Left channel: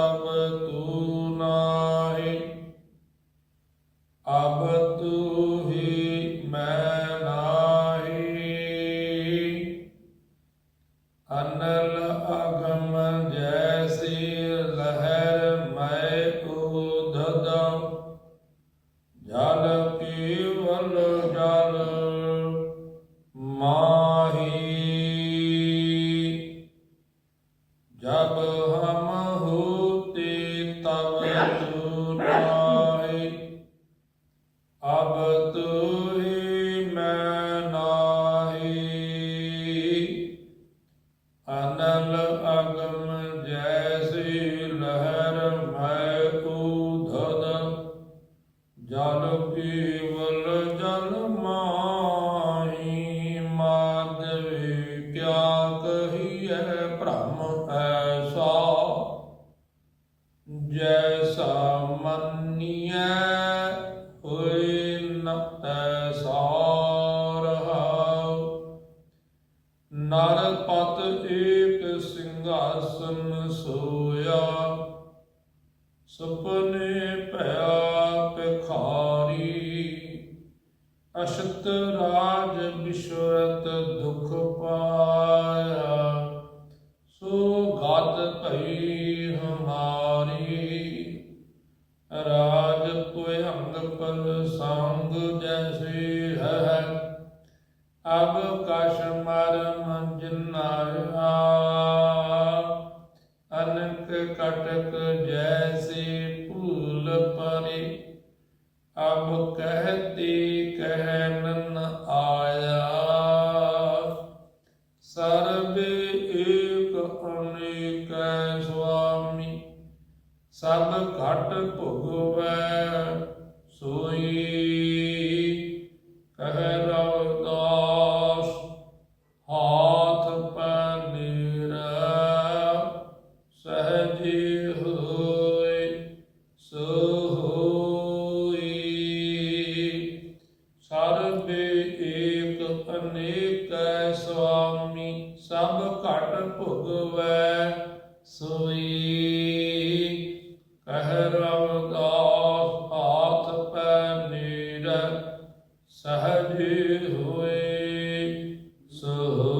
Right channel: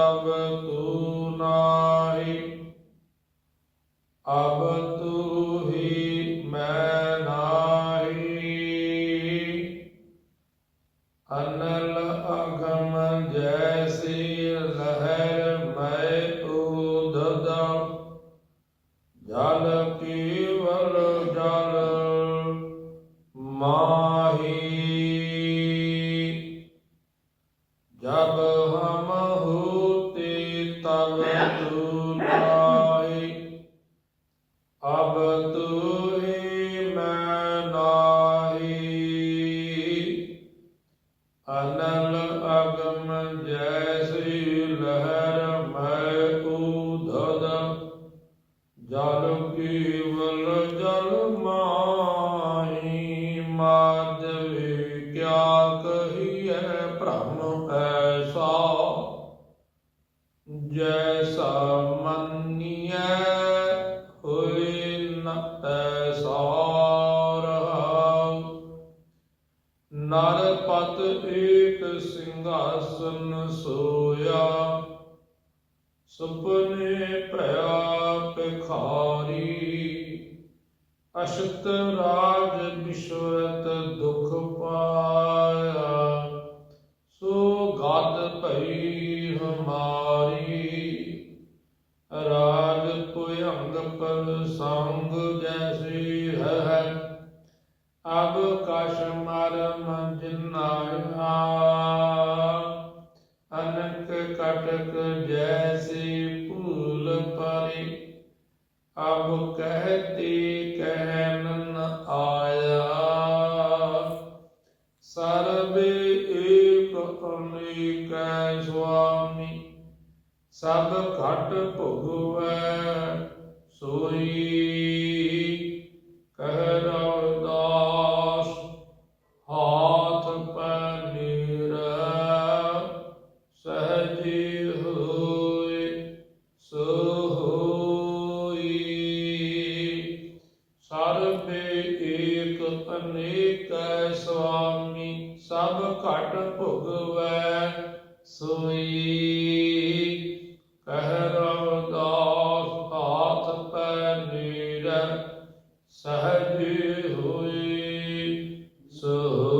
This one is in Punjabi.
अब तू नाहि। अब तू ही मैं नाही। अनल अगम जैसी लहर मैं कूद जल की ਜਲ ਪੀਵਲ ਜਲ ਮਾਹੀ। ਜੈਸਾ ਮੰਨੀਐ, ਹੋਏ ਨ ਤੈਸਾ ਰਹਾਉ ਨਰ ਪਤ ਏਕ ਸਿੰਘਾਸਨ ਸੋਇਆ, ਸੁਪਨੇ ਭਇਆ ਭਿਖਾਰੀ। ਅਸ਼ਤ ਰਾਜ ਵਿਸ਼ਵਤ ਦੁਖ ਅਬ ਕਸ਼ ਮਰਮ ਜਿਨਾਇਆ ਅਨਕ ਕਟਕ ਜੈਸੀ ਭੂਲ ਪਰੇ। ਅਬ ਕਹਤੀ ਕਹਿਨ ਆਇਆ, ਸਰਬੇ ਏਕ ਅਨੇਕੈ ਸੁਆਮੀ, ਸਭ ਘਟ ਭੁਗਵੈ। ਸੋ ਹੋਈ ਸਰਬੇ ਏਕ ਅਨੇਕੈ ਸੁਆਮੀ ਸਭ ਘਟ ਭੁਗਵੈ ਸੋਈ। ਕਹਿ ਰਵਦਾਸ ਹਾਥ ਪੈ ਨੀਰ ਸਹਜ ਹੋਏ ਸੋਈ